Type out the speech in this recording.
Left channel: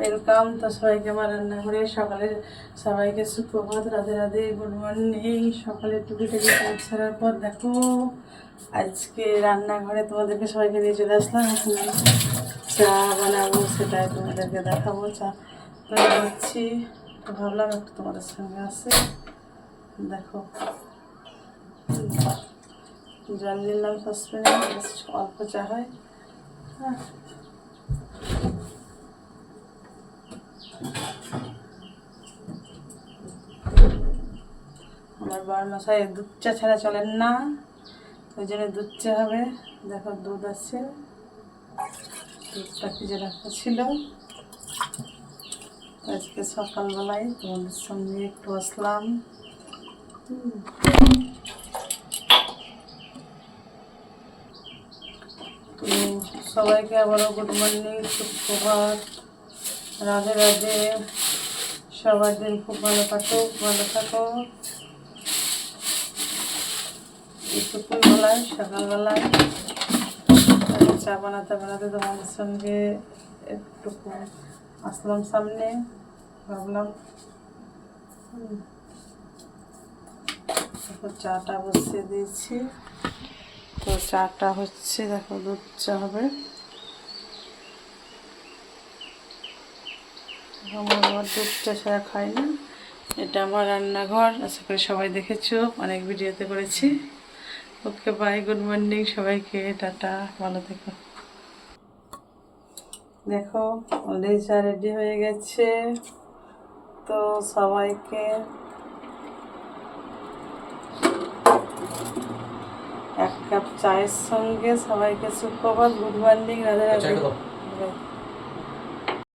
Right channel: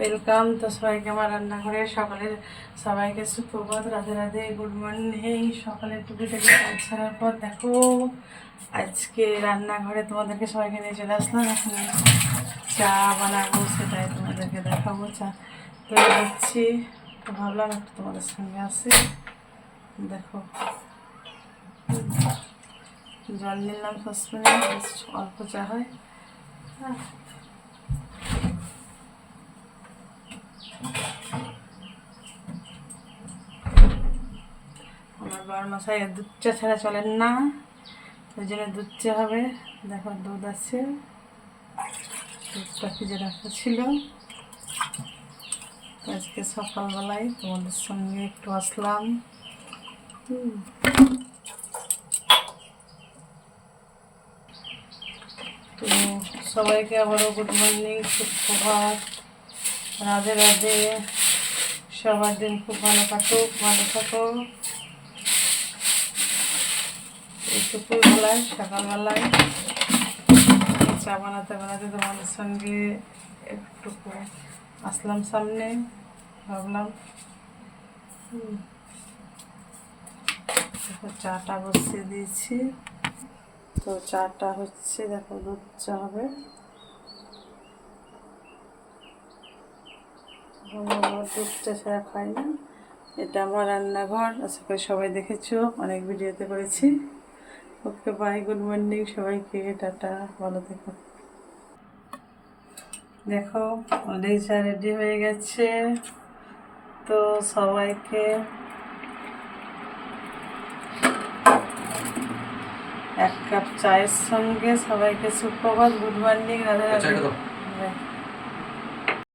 Welcome. তো সবাইকে আমার রান্নাঘরে সকালের সবাইকে সুপ্রভাত, রাধে রাধে, গুড মর্নিং। সকালে টুকিটাকি কাজ ছাড়ার পর দেখো আজকে রান্নাঘরে তোমাদেরকে সবাইকে নিয়ে চলে আসলাম। এখন চা বানাবো, সেটাই তোমাদেরকে দেখাবো। চা তৈরি করছি, তো ভাবলাম একটু তোমাদের সঙ্গে আসে। দেখো জল নিলাম সসপ্যানে, অল্প চা হয়। হ্যাঁ, আমার বর মশাই দুধ চা ছাড়া চলেন না, ওই জন্য দুধ চা হবে। দেখো দুধ আছে, দুধটা ভিজে রাখা ছিল। আজকে সকালবেলায় তোমাদের সঙ্গে একটু আসলাম। তো সবাইকে আবারও গুড মর্নিং, সুপ্রভাত, রাধে রাধে। সবার দিন খুব ভালো কাটুক, ভালো থাকো। এই দুপুরবেলায় সকালবেলায় চা বানাতে বানাতে তোমাদের সঙ্গে একটু আসলাম সামনে। ভাবলাম চাটা বসিয়ে দিয়েছি। তো চাটা হচ্ছে, দেখো দুধ চা হবে। আমার দুধ চা ছাড়া খাই না। এটা আমার রান্নাঘর, আশা করি সবাই দেখেছো, অনেক ভিডিওতে করেছি। ওকে বাই, গুড মর্নিং সবাইকে, টাটা, ভালো থেকো। দেখো অলরেডি চা রেডি হয়ে গেছে। তো সবাইকে এক কাপ চায়ের সঙ্গে সবাইকে সুপ্রভাত, গুড মর্নিং, রাধে রাধে।